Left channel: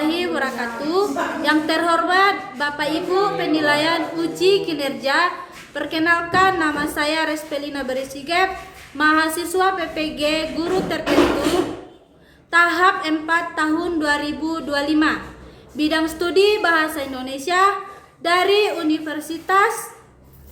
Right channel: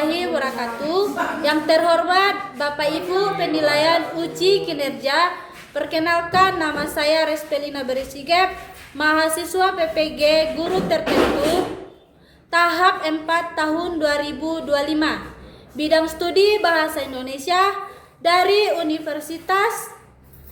warahmatullahi wabarakatuh. Yang terhormat Bapak Ibu penilaian uji kinerja, perkenalkan nama saya Respelina Berisigep, mahasiswa PPG Guru Tertentu tahap 4 tahun 2025, bidang studi Bahasa Indonesia dari Universitas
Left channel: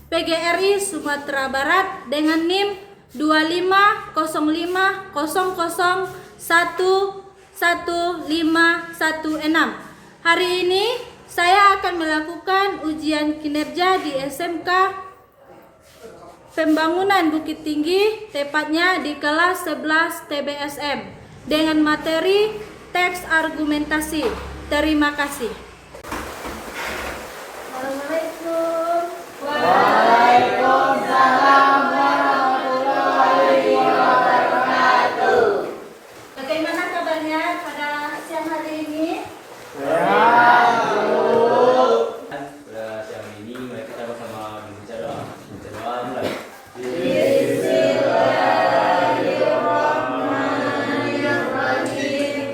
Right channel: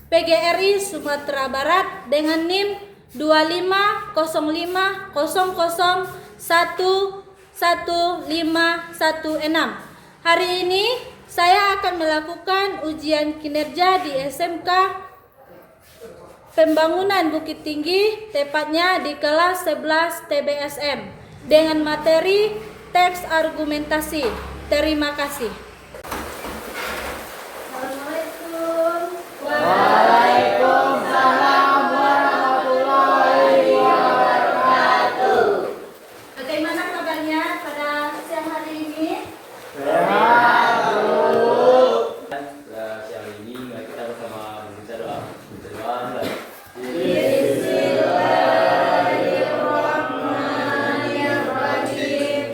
PGRI Sumatera Barat dengan NIM 25050011516. Hari ini saya akan melakukan ujian kinerja di SMK Pembangunan Bukit Tinggi, tepatnya di kelas 11 TBSM dengan materi teks argumentasi. Terima kasih. Waalaikumsalam warahmatullahi wabarakatuh. Bagaimana kabarnya pada siang hari ini? Sehat, Bu. Siang ini mari kita bersama membaca doa. Baca doa mulai. Bismillahirrahmanirrahim.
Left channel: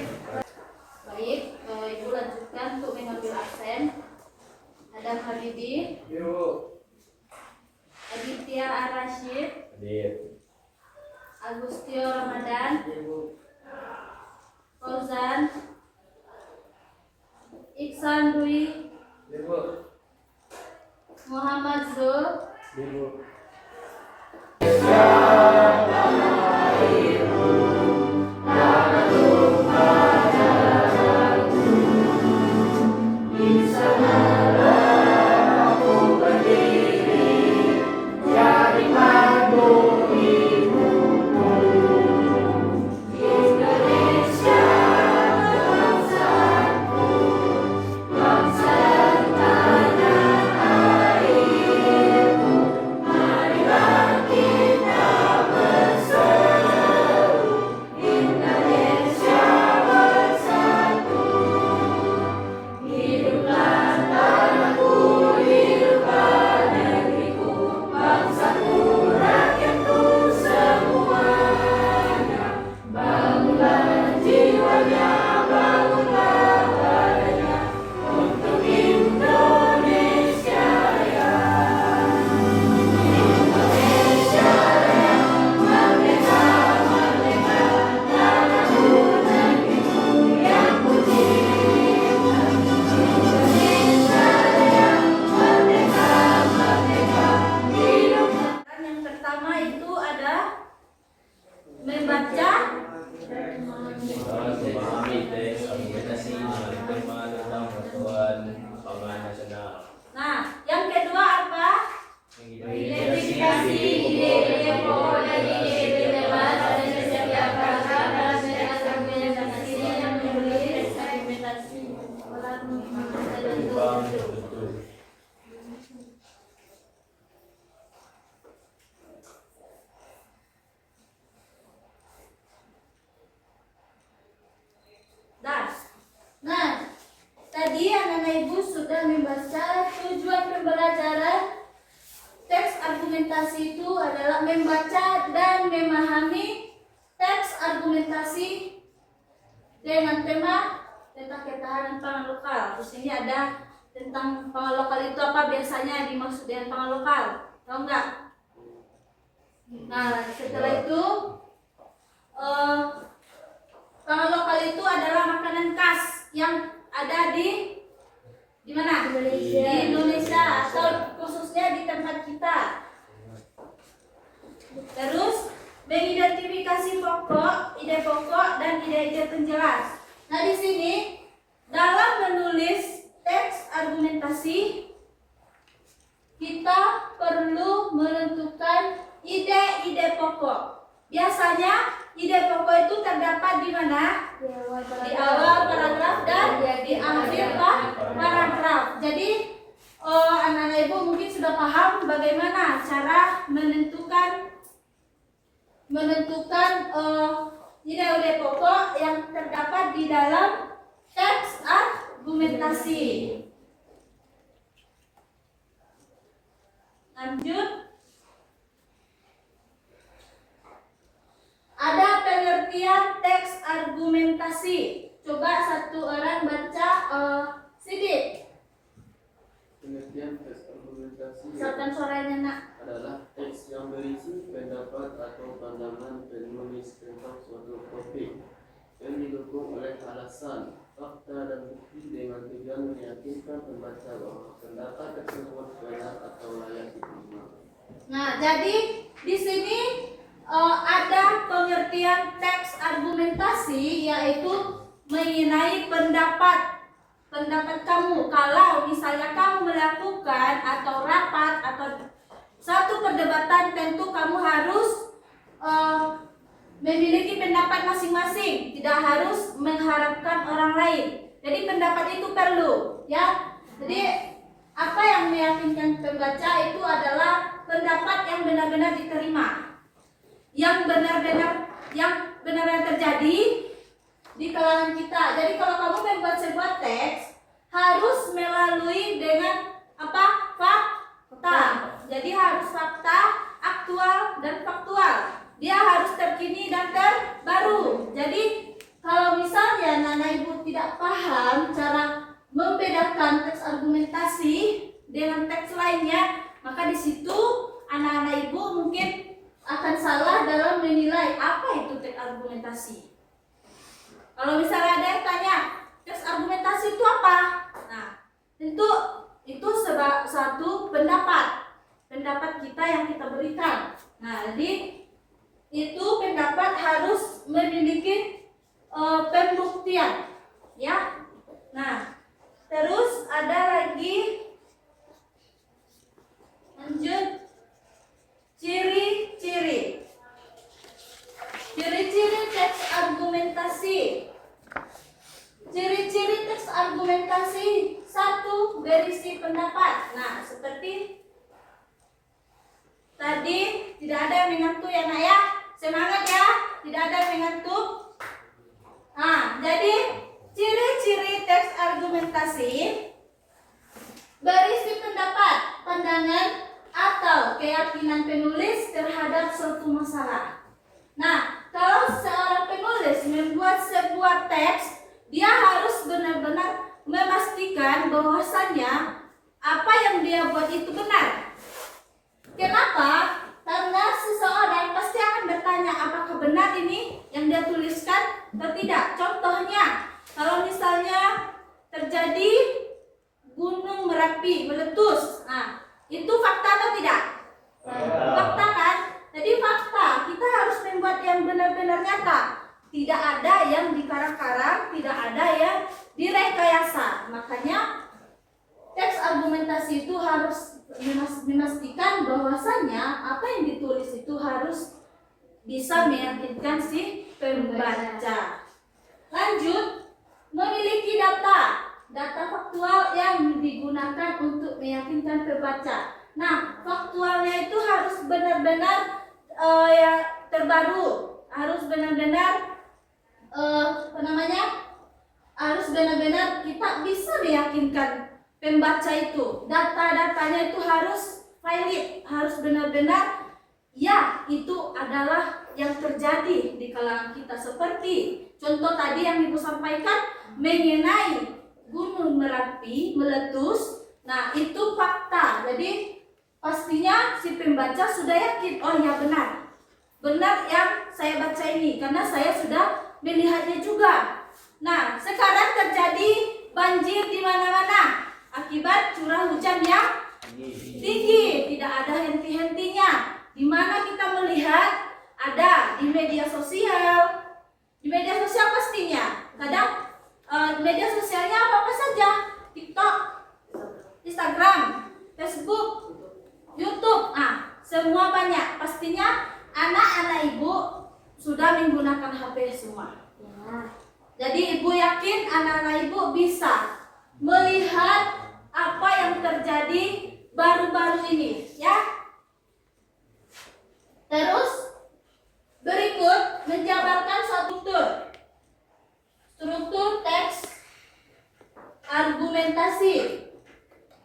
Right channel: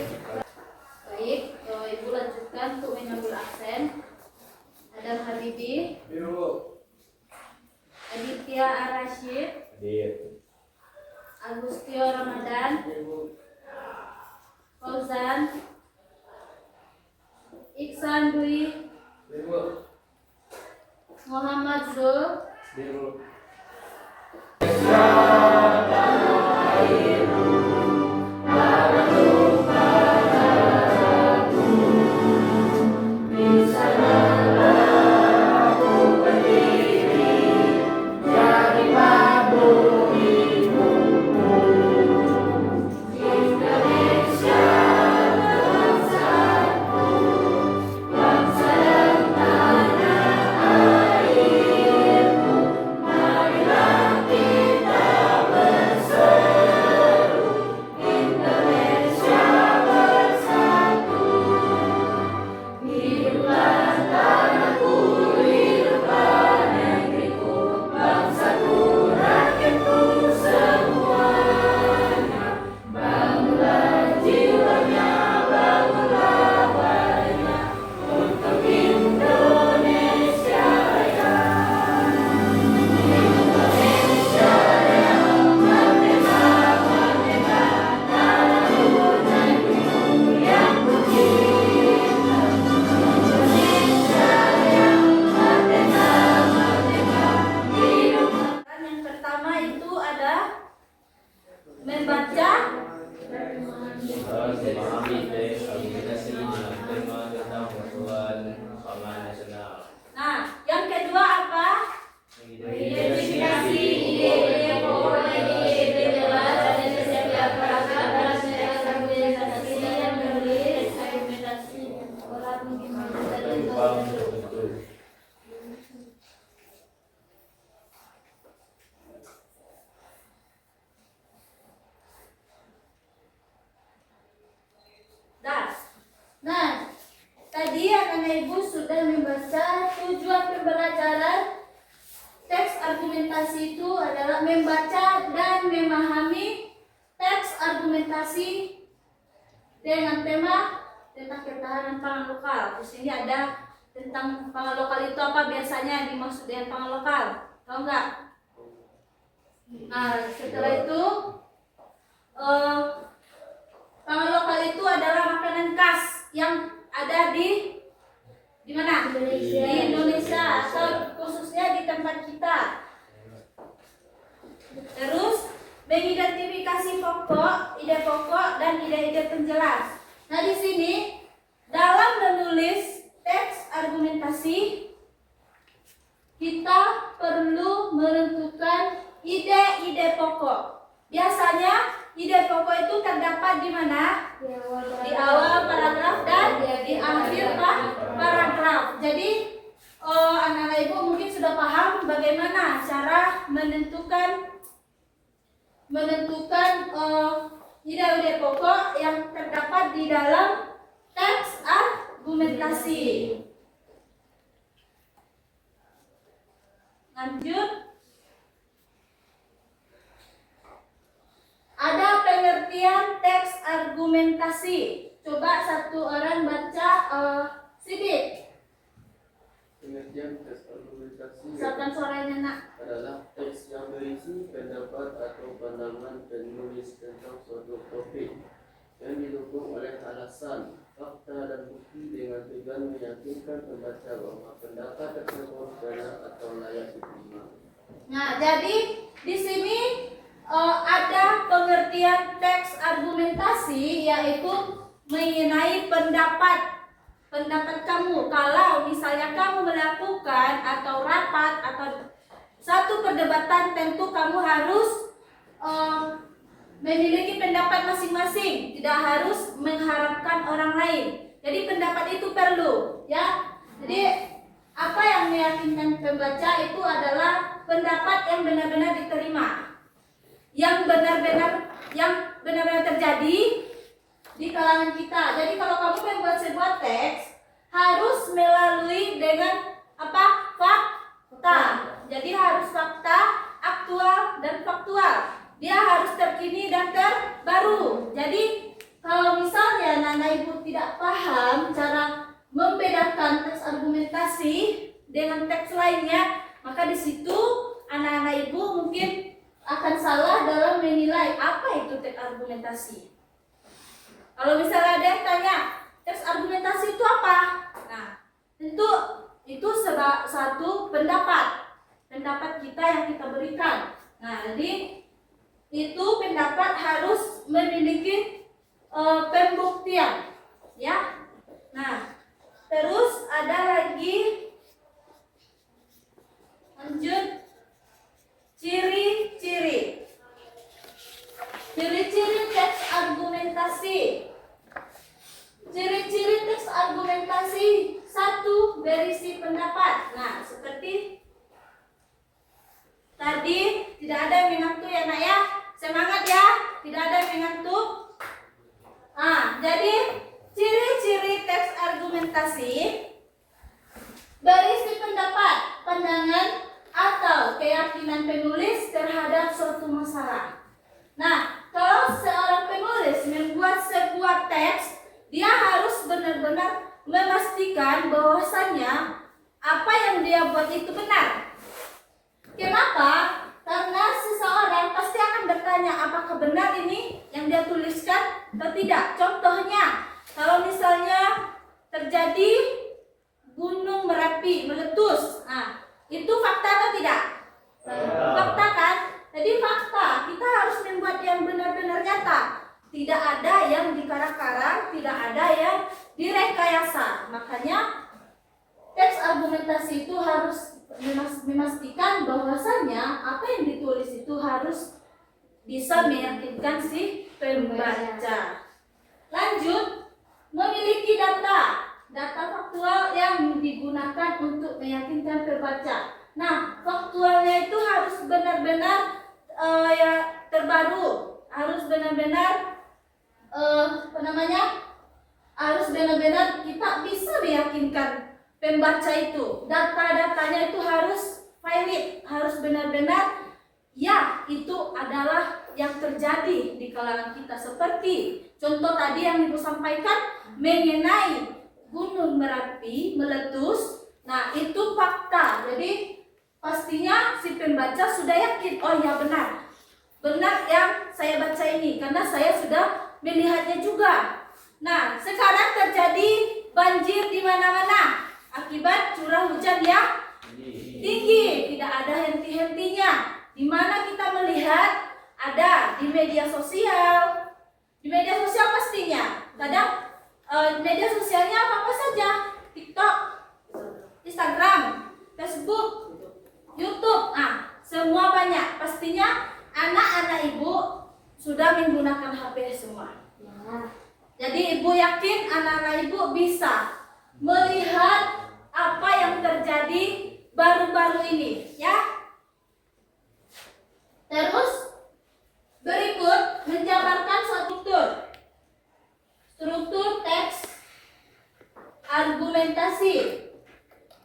Baik, Ibu lanjutkan untuk mengambil absen. Adam Habibi, Aditya Arashid, Hadir. Agustio Ramadan, Fauzan, Iksan Dwi, Muhammad Zul, yang pertama itu ada membaca. Memahami teks argumentasi tema tentang persatuan pangan nasional. Nah, yang kedua apa? Identifikasi ide-ide pokok dan ide-ide jelas pada setiap paragraf dalam teks argumentasi dan menulis argumentasi. Bang betul. Nah, tadi anak-anak ibu sudah membaca tujuan pembelajaran teks argumentasi itu adalah membaca dan memahami teks argumentasi dengan tema tentang ketahanan pangan lokal. Di sini ada tentang pangan lokal itu apa biasanya dimaksud dengan pangan lokal, tahu nggak? Nah, setelah itu pangan lokal itu adalah makanan khas yang ada di mana? Di Indonesia atau khususnya di tempat kita. Terus mengidentifikasi ide pokok dan ide-ide penjelas. Nah, di sini dalam menulis teks argumentasi kita perlu menentukan ide-ide pokok. Biasanya ide pokok itu terdapat di mana? Di awal paragraf dan di akhir paragraf. Jadi anak-anak ibu mungkin sudah paham bagaimana cara menentukan ide-ide pokok yang terdapat di dalam teks argumentasi. Lanjut. Ada pengertian teks argumentasi. Coba coba satu orang baca Sigit. Pengertian teks argumentasi Siapkan suaranya nak. adalah teks yang berisi pendapat atau pandangan penulis tentang suatu topik yang didukung oleh alasan, fakta, dan bukti dengan tujuan meyakinkan pembaca bahwa pendapat tersebut benar atau layak diterima. Nah, jadi di sini ada pengertian teks argumentasi, yaitu mengenai pendapat kamu. Kalau misalnya kamu melakukan atau rapat atau satu perdebatan, tentu kamu harus memiliki pendapat masing-masing, tidak harus mengharapkan orang lain. Jadi pendapat itu perlu, ya. Jadi apa yang meyakinkan pembaca itu adalah pendapat yang benar-benar diterima, yang benar-benar terjadi di kalangan kita. Jadi kalau kamu membuat sebuah teks, harus melalui dengan apa? Fakta. Jadi harus fakta, aktual, dan faktual. Dia harus terkini dan terbaru. Jadi kalau misalnya Nana Ibu tidak paham cara membedakan teks argumentasi dengan teks lainnya, maka di situ anak-anak Ibu mungkin akan salah dalam menilai apa itu teks argumentasi. Kalau misalnya ada yang tanya, teks argumentasi itu apa? Nah, tentu itu satu pendapat kita yang kita berikan. Nah, jadi itu pendapat harus memiliki pembuktian, ya. Nah, terus ada lagi, lanjut, ciri-ciri teks argumentasi. Ciri-ciri teks argumentasi: 1. Berisi pendapat. Nah, seperti tadi, tidak ada yang mengantuk ya nak ya. Semangat ya, tidak ada yang mengantuk. Nah, jadi ciri-ciri teks argumentasi: berisi pendapat, pandangan, atau keyakinan penulis terhadap suatu masalah. Nah, kalau seorang penulis membuat sebuah teks, dia harus benar-benar memastikan bahwasannya apa yang dia buat itu benar. Kenapa? Karena seseorang pasti akan bertanya apakah benar ini yang dia tuliskan atau tidak. Contohnya, kalau misalnya terjadi Gunung Merapi meletus, nah itu fakta atau tidak? Fakta kan? Jadi fakta, kita harus membuat yang benar-benar nyata. Tidak ada yang dikarak-karak, tidak ada yang direkayasa. Makanya teks argumentasi itu harus memastikan bahwasannya apa yang ditulis itu harus bisa meyakinkan si pembaca. Lanjut, memiliki data faktual yang digunakan untuk meyakinkan pembaca. Nah, faktualnya itu harus benar-benar ya terbaru, harus benar-benar harus benar-benar kita bisa meyakinkan pembaca itu. Data-datanya itu harus valid, harus benar-benar ya itu adalah yang terjadi di kalangan kita. Seperti contoh tadi yang Ibu sampaikan mengenai Gunung Merapi meletus. Nah, itu fakta. Jadi pastinya si pembaca sudah yakin, oh ya benar yang saya baca ini karena saya sudah melihatnya juga. Nah, sekarang terjadi banjir di mana-mana akibat curah hujan yang tinggi, tidak ada henti-hentinya. Di mana kita melihat ada di media sosial. Di media sosial pastinya kadang media sosialnya apa saja, TikTok, Instagram, Facebook, YouTube, semua banyak. Pastinya anak-anak Ibu sudah menggunakan HP semua. Jadi Ibu yakin anak-anak Ibu bisa melihat apa yang terjadi baru-baru ini, ya. Terus berikut menjabarkan struktur teks argumentasi.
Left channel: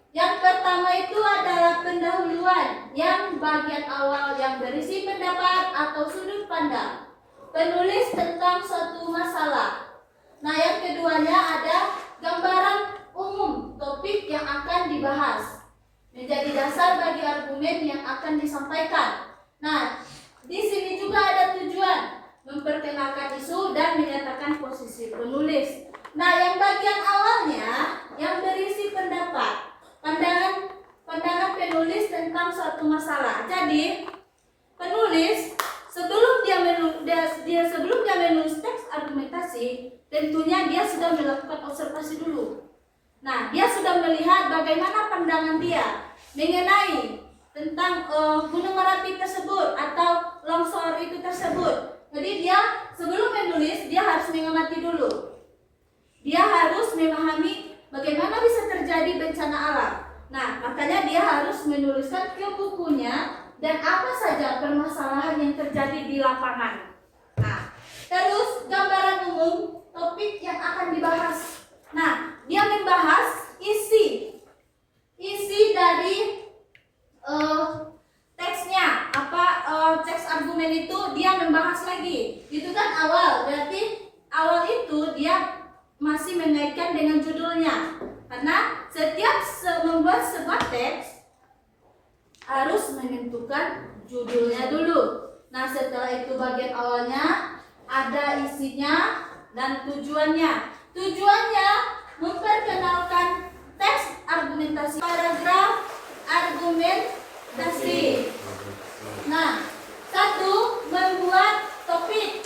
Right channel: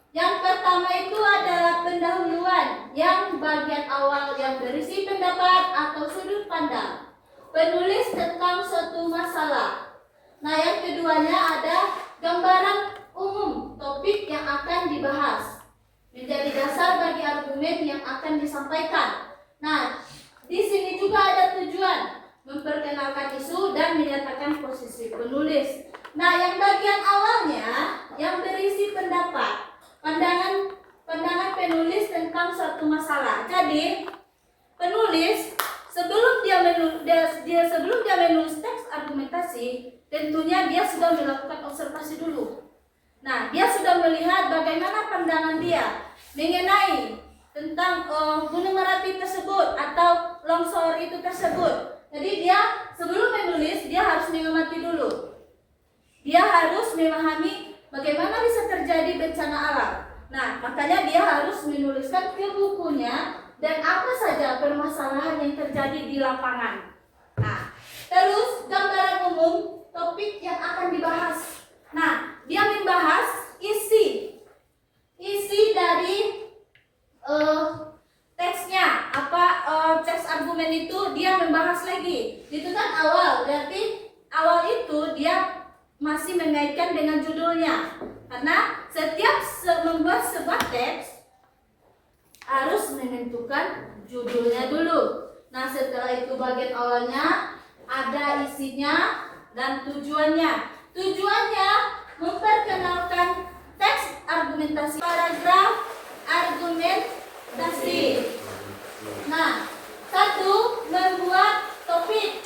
Yang pertama itu adalah pendahuluan, yang bagian awal yang berisi pendapat atau sudut pandang penulis tentang suatu masalah. Nah, yang keduanya ada gambaran umum topik yang akan dibahas menjadi dasar bagi argumen yang akan disampaikan. Nah, di sini juga ada tujuan memperkenalkan isu dan menyatakan posisi penulis. Nah, yang bagian awalnya yang berisi pendapat, pandangan penulis tentang suatu masalah. Jadi, penulis sebelum dia menulis teks argumentasi, tentunya dia sudah melakukan observasi dulu. Nah, dia sudah melihat bagaimana pandangan dia mengenai tentang Gunung Merapi tersebut atau longsor itu tersebut. Jadi dia sebelum menulis dia harus mengamati dulu. Dia harus memahami bagaimana bisa terjadi bencana alam. Nah, makanya dia harus menuliskan ke bukunya dan apa saja permasalahan yang terjadi di lapangan. Nah, terus gambaran umum topik yang akan dibahas. Nah, dia membahas isi dari teksnya. Teks argumen itu dia membahas lagi. Itu kan awal, berarti awal itu dia masih mengaitkan dengan judulnya. Karena setiap membuat sebuah teks harus menentukan judulnya dulu. Nah, setelah itu bagian awalnya ada isinya dan tujuannya. Tujuannya memperkenalkan teks argumentasi, paragraf argumentasi. Nah, satu, membuat topik.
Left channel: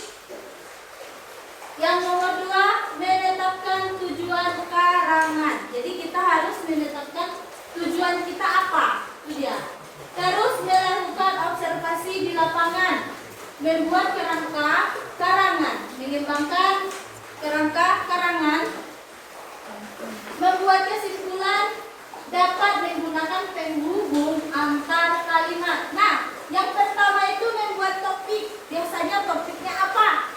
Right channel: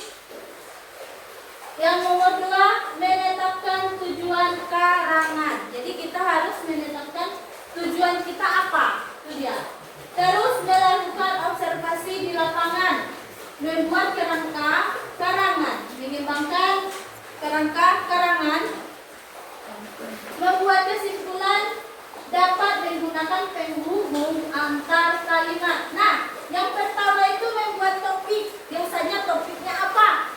Yang nomor dua, menetapkan tujuan karangan. Jadi kita harus menetapkan tujuan kita apa, itu dia. Terus melakukan observasi di lapangan, membuat kerangka karangan, mengembangkan kerangka karangan, membuat kesimpulan, dapat menggunakan penghubung antar kalimat. Nah, yang pertama itu membuat topik. Biasanya topiknya apa?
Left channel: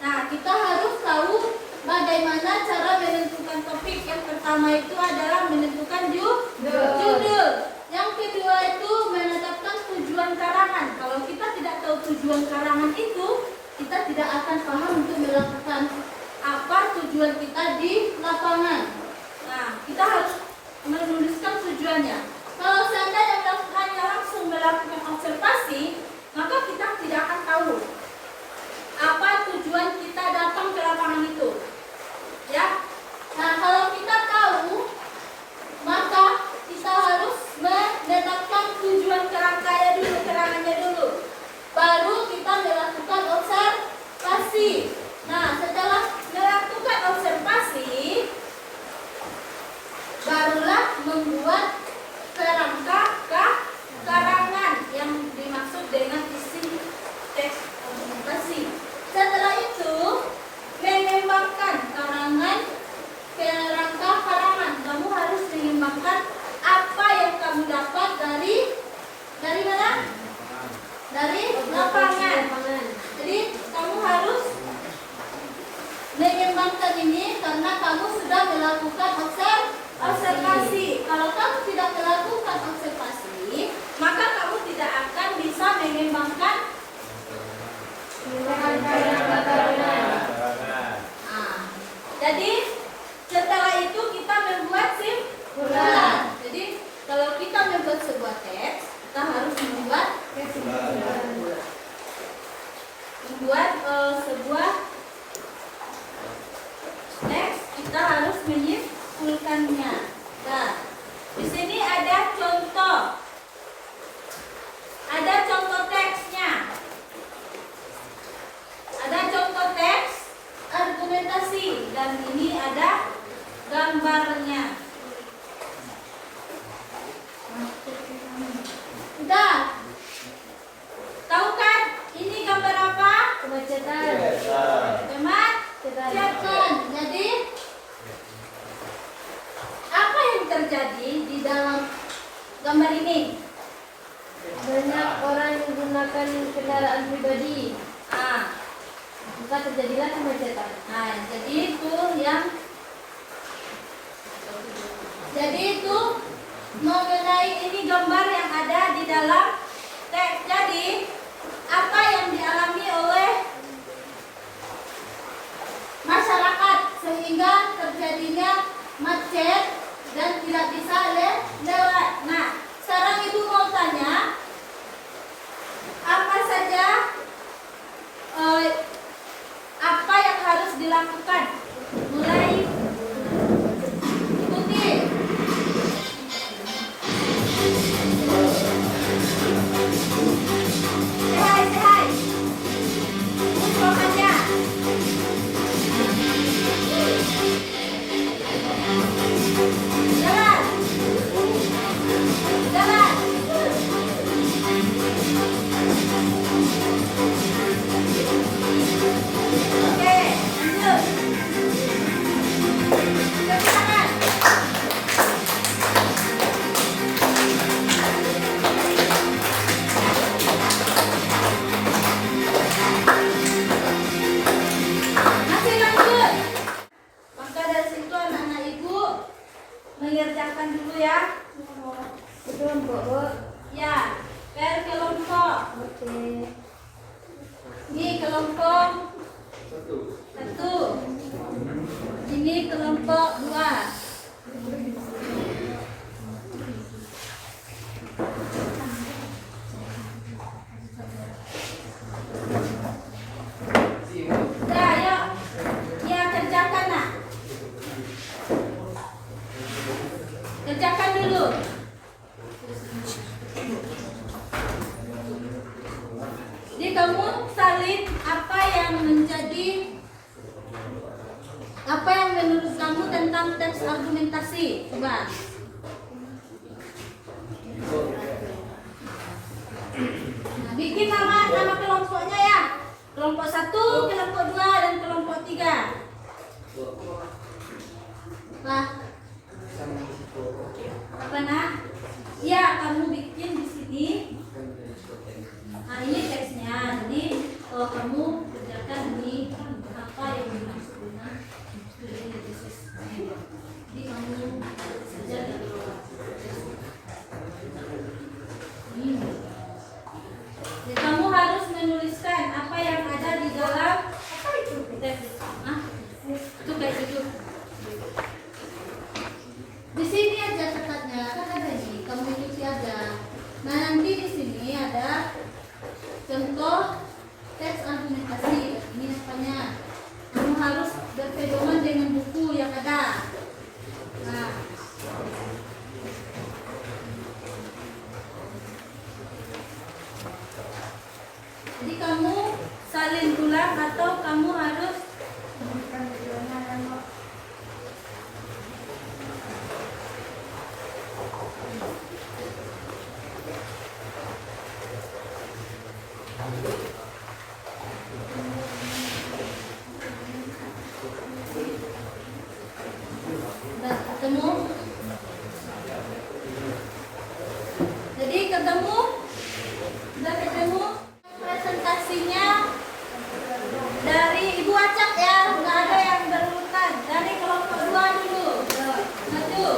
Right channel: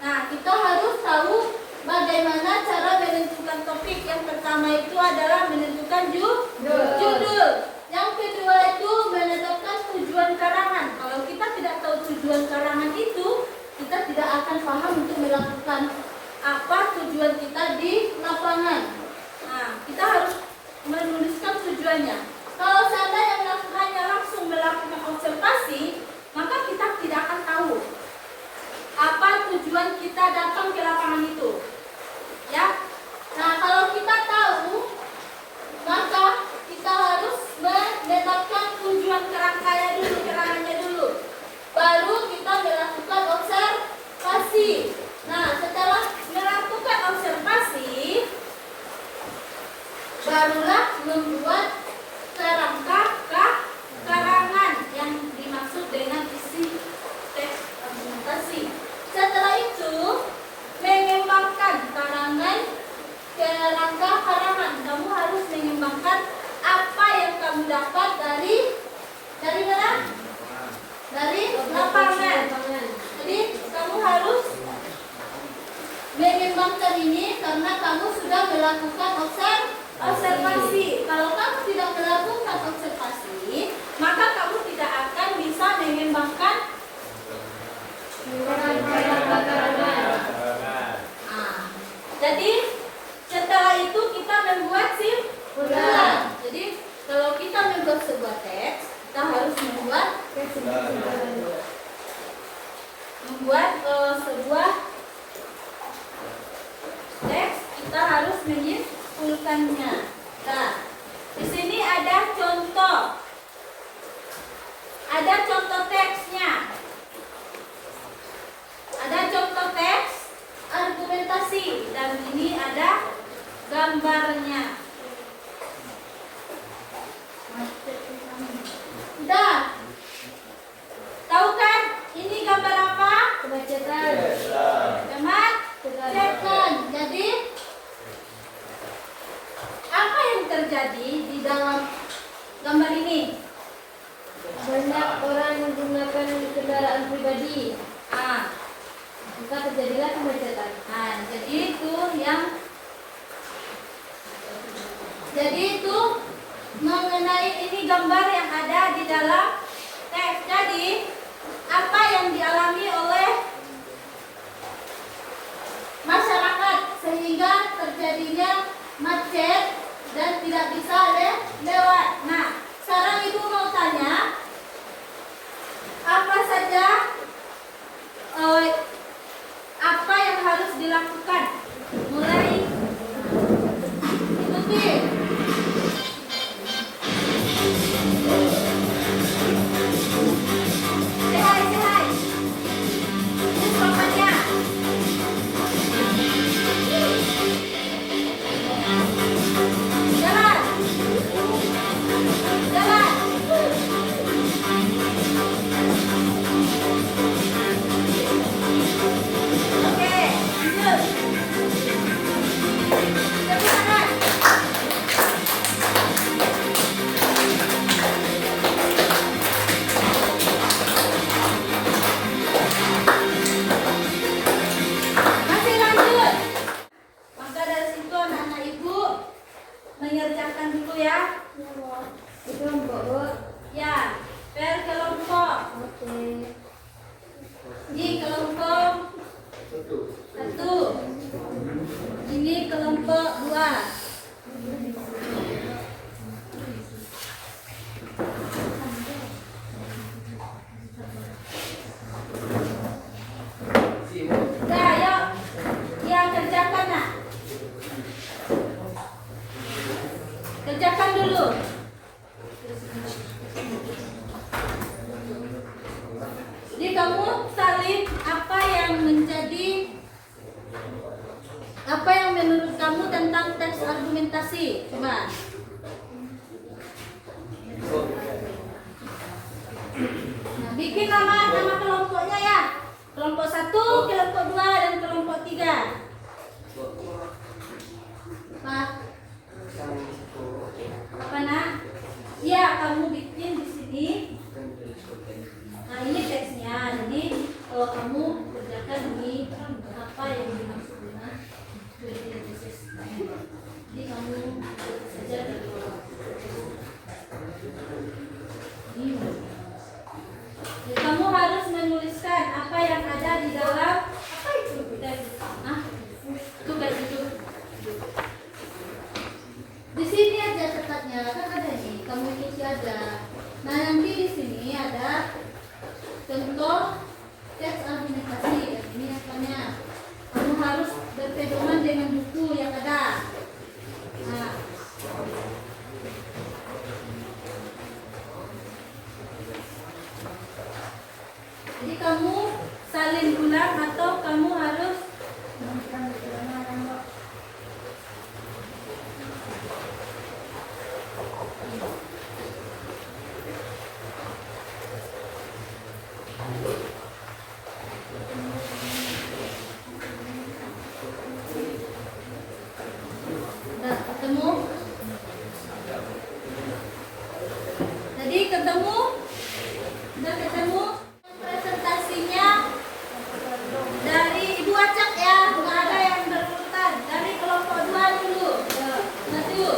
Nah, kita harus tahu bagaimana cara menentukan topik. Yang pertama itu adalah menentukan judul. Yang kedua itu menetapkan tujuan karangan. Kalau kita tidak tahu tujuan karangan itu, kita tidak akan paham untuk melakukan apa tujuan kita di lapangan. Nah, kita harus menuliskan tujuannya. Kalau seandainya hanya langsung melakukan observasi, maka kita tidak akan tahu apa tujuan kita datang ke lapangan itu. Ya. Nah, kalau kita tahu, maka kita harus menetapkan tujuan kerangannya dulu. Baru kita melakukan observasi. Nah, setelah melakukan observasi, barulah membuat kerangka karangan yang dimaksud dengan isi teks argumentasi. Setelah itu, mengembangkan kerangka karangan. Kamu harus mengembangkan apa yang kamu dapat dari mana? Dari lapangan. Jadi kamu harus mengembangkan ini karena kamu sudah melakukan observasi. Kalau kamu tidak melakukan observasi, maka kamu tidak akan bisa mengembangkan jadi setelah itu kita membuat simpulan. Jadi kalau kita membuat sebuah teks, kita harus membuat sebuah teks, kita harus menyimpulkannya. Nah, di sini ada contoh teksnya. Ada contoh teks argumentasi dan ini ada gambarnya. Udah? Tahu kan? Ini gambar apa? Kemacetan. Kemacetan. Jadi apa Salin, apa yang menurut kamu tentang teks argumentasi? Coba. Nah, bikin nama kelompoknya ya. Kelompok 1, kelompok 2, dan kelompok 3. Apa nak? Ya, kamu bikin di sini. Nah, ini teksnya. Jadi kamu kerjakan di apa yang dimaksudnya. Jadi kamu saja jadi kamu harus menuliskan apa yang ada di dalam apa itu teks. Itu kayak itu. Di sini aja catatnya, kan ada nih, kamu isi aja. Nah, nanti di sini ada contoh teks argumentasi. Ini apanya? Kamu harus berpedoman dengan buku yang ada. Nah, jadi kamu salin ulang atau kamu harus udah ketemu? Jadi ketemu? Udah ketemu? Presentasinya dari Ibu acak ya, nggak ada yang berurutan. Dari kelompok 2 dulu. Maju.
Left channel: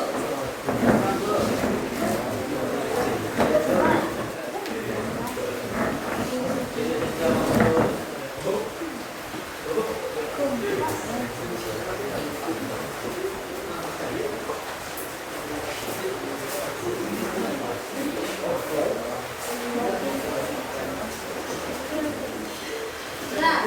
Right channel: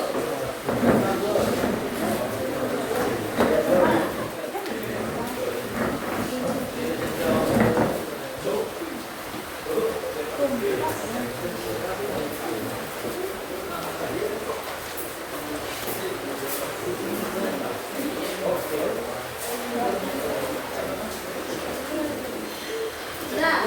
Nah,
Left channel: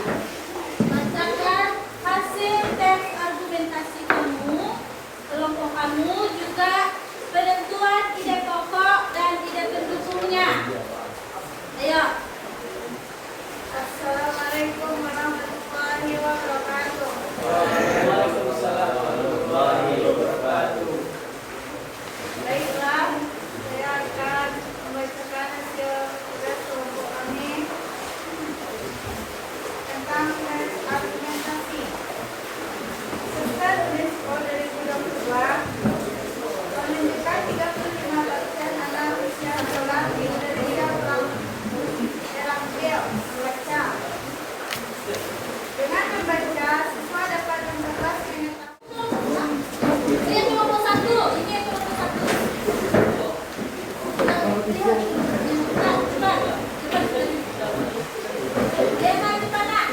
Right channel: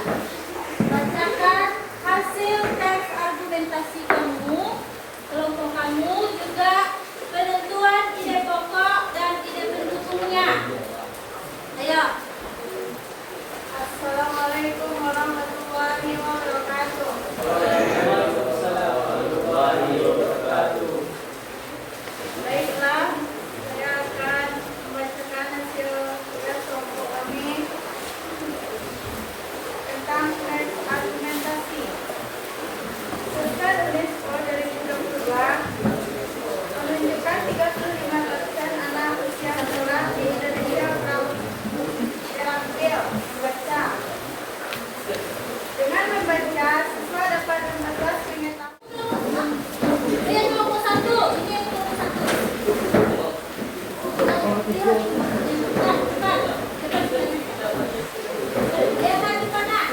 bacakan hasil teks argumentasi kamu, kelompok kamu, juga penentuan ide pokok dan ide pendukungnya. Ayo. Assalamualaikum warahmatullahi wabarakatuh. Waalaikumsalam warahmatullahi wabarakatuh. Baiklah, saya akan membacakan hasil tugas kelompok kami tentang teks argumentasi. Survei UNESCO 2022 menunjukkan 35% anak usia sekolah di Indonesia kaum terampil membaca. Dengan membaca, siswa dapat memperluas pengetahuan. Ini yang kelompok 1, ini yang kelompok 1. Lihat. Cepat. Lihat di mana?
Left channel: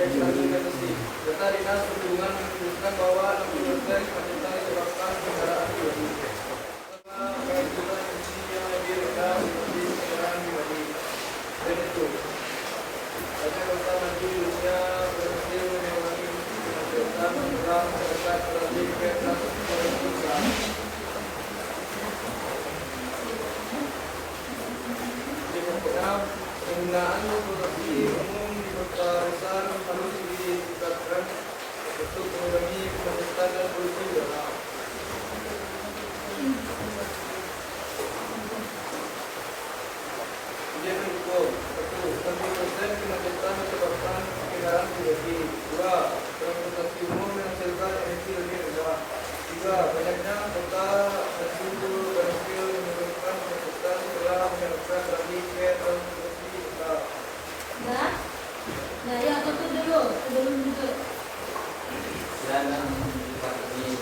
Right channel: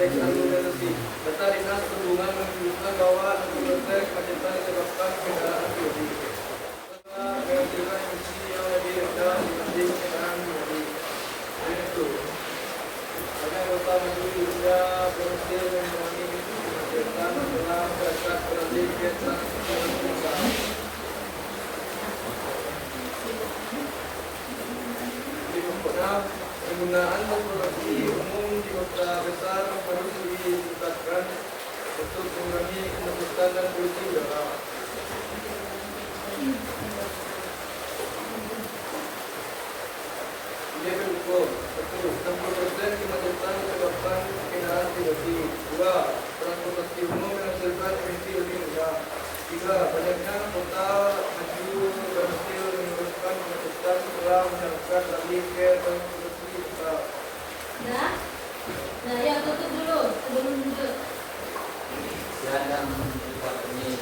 Teks argumentasi. Data dinas perhubungan menunjukkan bahwa 60% kemacetan disebabkan kendaraan pribadi. Karena emisinya lebih rendah dibanding kendaraan pribadi. Selain itu, banyak kota maju juga berhasil mengurangi kemacetan setelah masyarakat beralih ke transportasi publik. Berikutnya, penggunaan transportasi umum di kota besar harus ditingkatkan untuk mengurangi kemacetan dan polusi udara. Ide pendukung. 1. 60% kemacetan disebabkan kendaraan pribadi. 2. Transportasi umum menghasilkan emisi lebih rendah. 3. Banyaknya kota maju berhasil menurunkan kemacetan setelah masyarakat beralih ke transportasi kota. Nah, ya tutup dulu sebelum dan ini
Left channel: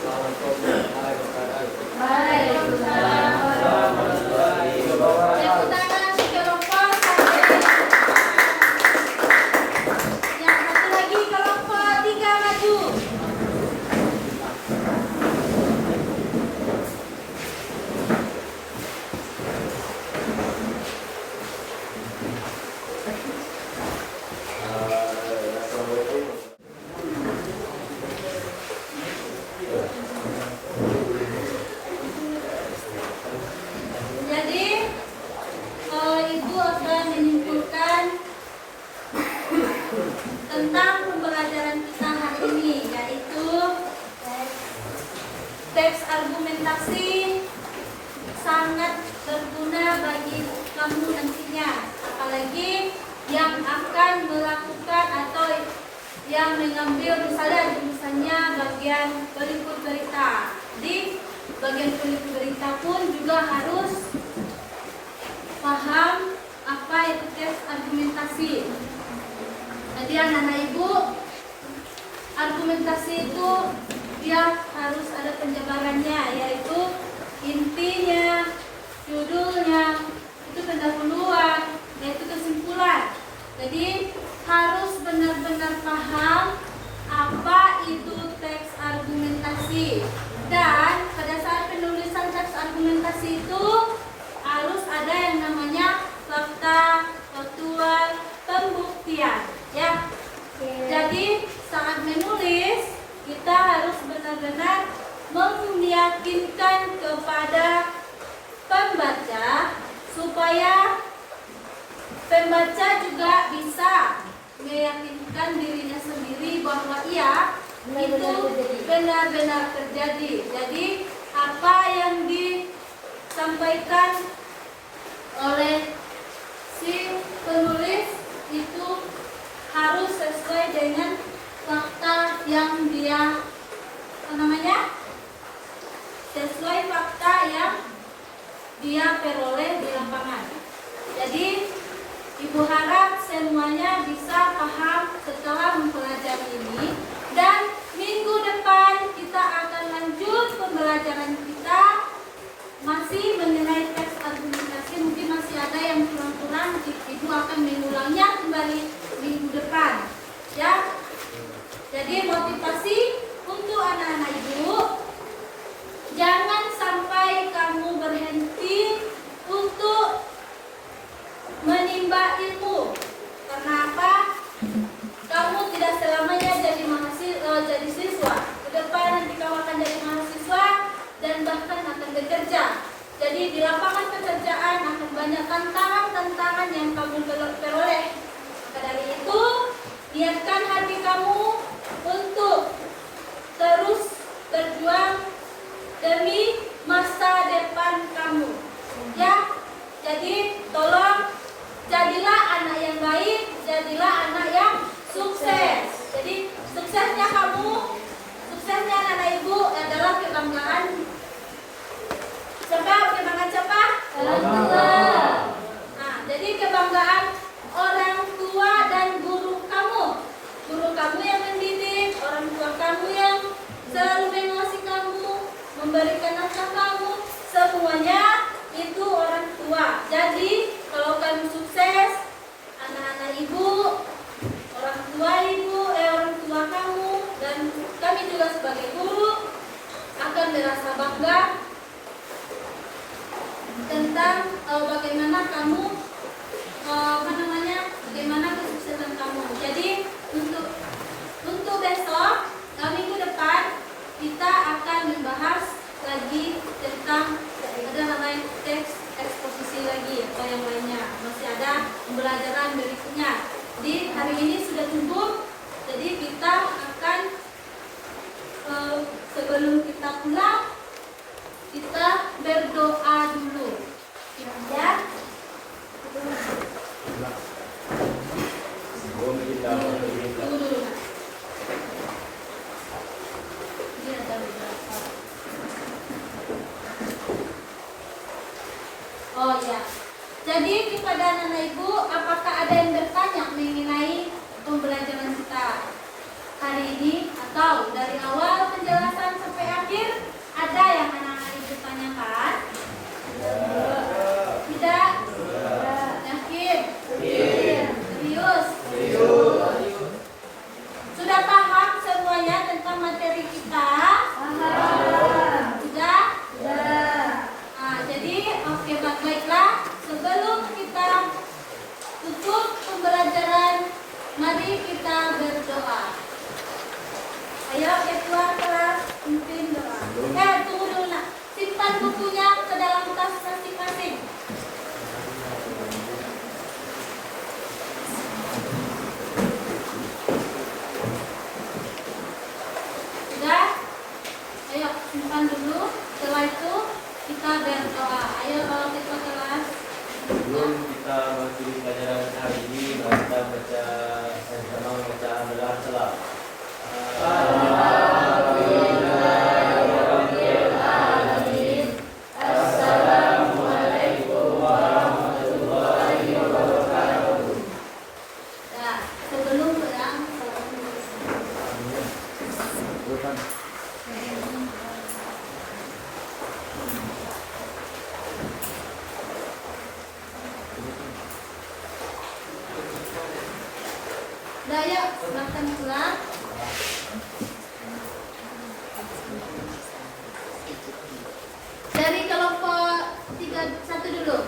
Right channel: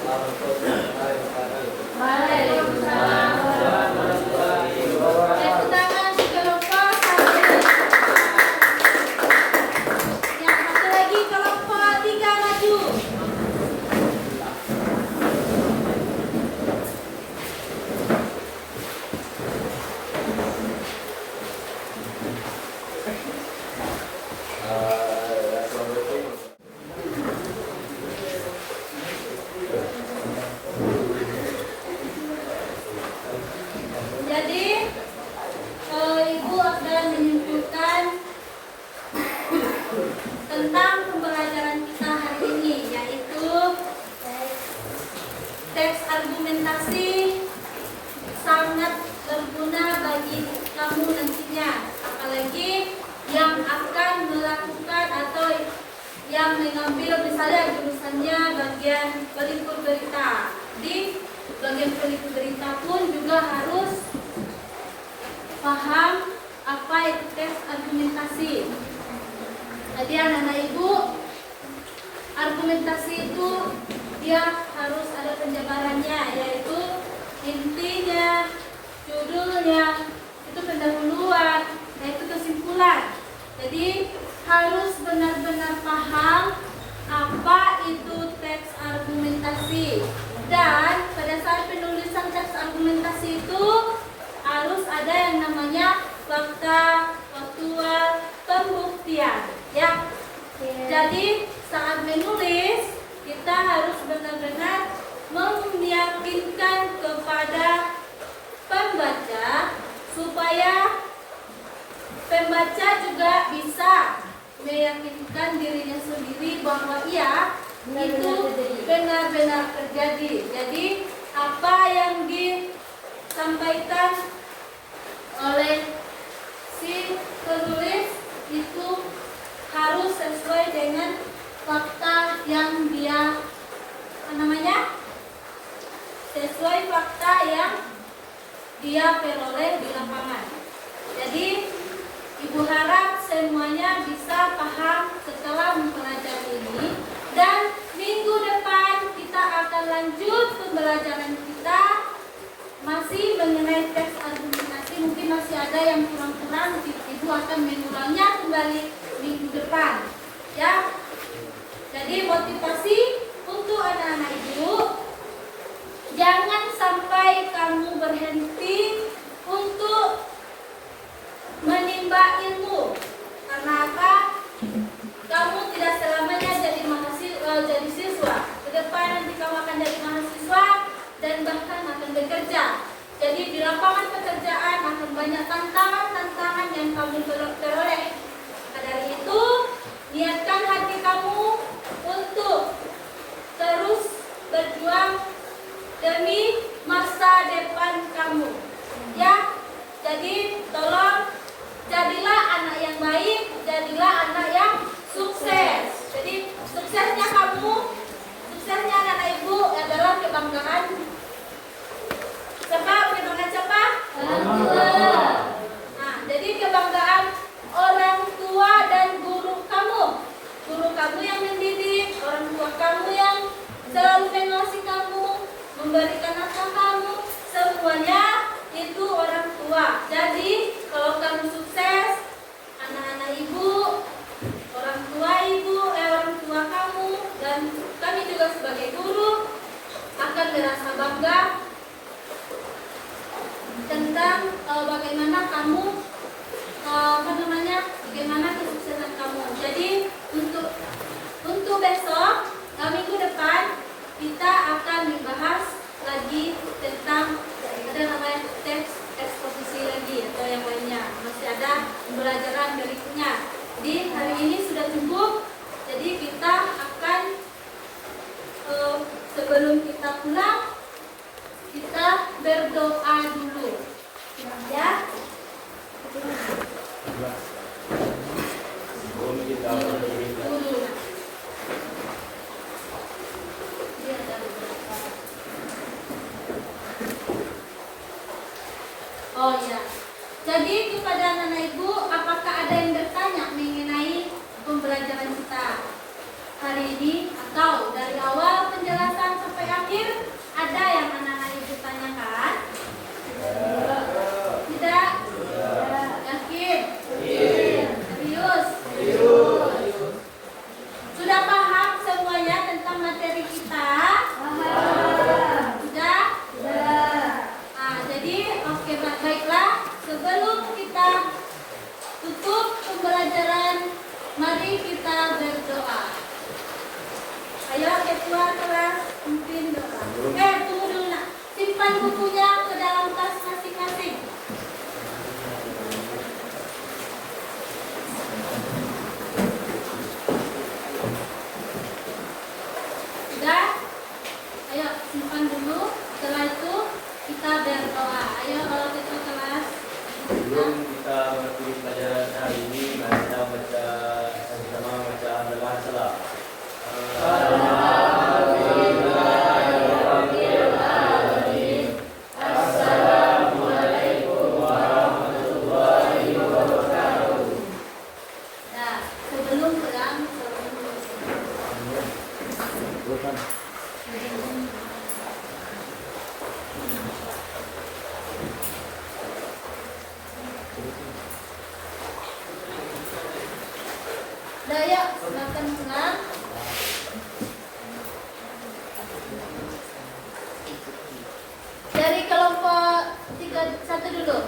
Assalamualaikum warahmatullahi wabarakatuh. Waalaikumsalam warahmatullahi wabarakatuh. Tepuk tangan kelompok satu. Yang satu lagi kelompok 3 maju. Jadi Ibu akan menyimpulkan tentang pembelajaran kita hari ini, yaitu teks argumentasi sangat berguna bagi kamu nantinya, apalagi yang akan melakukan atau yang mengambil misalnya jurusannya bagian pelipur berita. Di bagian pelipur berita pun juga harus paham apa itu teks argumentasi. Jadi anak-anak ibu, argumentasi itu dia harus ada penjabarannya, yaitu intinya, judulnya, itu pendahuluan, yaitu kesimpulan. Jadi harus benar-benar paham apa itu teks argumentasi. Dan pada saat penulisan teks argumentasi itu harus ada yang namanya fakta, faktual, pembuktian, ya. Jadi saat menulis kita harus benar-benar meyakinkan kepada pembaca supaya pembaca juga bisa meyakinkan dirinya sendiri bahwa iya itu benar-benar terjadi. Jadi apa yang disampaikan oleh si penulis itu harus sesuai dengan fakta yang dia sesuai fakta yang dia peroleh di lapangan. Jadi Ibu harap semuanya bisa paham setelah mempelajari ini, dan minggu depan kita akan lanjut pembelajaran kita masih mengenai teks argumentasi. Mungkin masih ada yang kurang-kurang, Ibu akan menulangnya kembali minggu depan, ya. Jadi motivasi untuk anak-anak Ibu, jangan sampai kamu berhenti untuk menimba ilmu. Karena apa? Kamu tidak selamanya jadi siswa. Ke depan nanti kamu akan jadi mahasiswa dan bahkan akan bekerja. Jadi di lapangan pekerjaan akan banyak tantangan yang kamu peroleh. Maka dari itu, niatkan hati kamu untuk terus berjuang demi masa depan kamu. Ya, jadi tolong jadilah anak yang baik, jadilah anak yang sukses. Jadi suksesnya anak-anak Ibu adalah kebanggaan. Kebanggaan siapa? Nah, jadi kebanggaan orang tua dan guru kamu. Guru kamu yang mendidik, orang tua kamu yang selalu mengasihi kamu, memberikan nafkah kamu, semuanya itu orang tua. Jadi kalau kamu sukses, anak-anak Ibu, orang tua kamu, dan kami juga sebagai guru akan merasa bangga tentang bagaimana kamu bagaimana kesuksesan kamu. Jadi untuk besok, minggu depan kita akan membahas lagi tentang ada namanya teks eksposisi lagi atau yang lainnya. Masih ada pembelajaran berikutnya. Jadi hari ini sudah cukup. Jadi kita akan sebelum kita pulang, kita berdoa dulu, ya. Tunggu dulu, Nak. Dia ada beberapa. Oh ya. Jadi kepada anak-anak Ibu, apakah ada yang bertanya mengenai pembelajaran Mari kita berdoa. Ayo keluar kelas, pimpin doa. Tunggu dulu nak. Simpan bukunya ke dalam tas masing-masing. Sudah? Ayo simpan dulu. Setelah itu kita berdoa. Ayo kalau kita kelas. Sebelum kita masuki pelajaran hari ini, mari kita baca sama baca hafalan salah. Nah, sebelum berang, Daya, silakan pulang. Dari kelompok 31 dulu.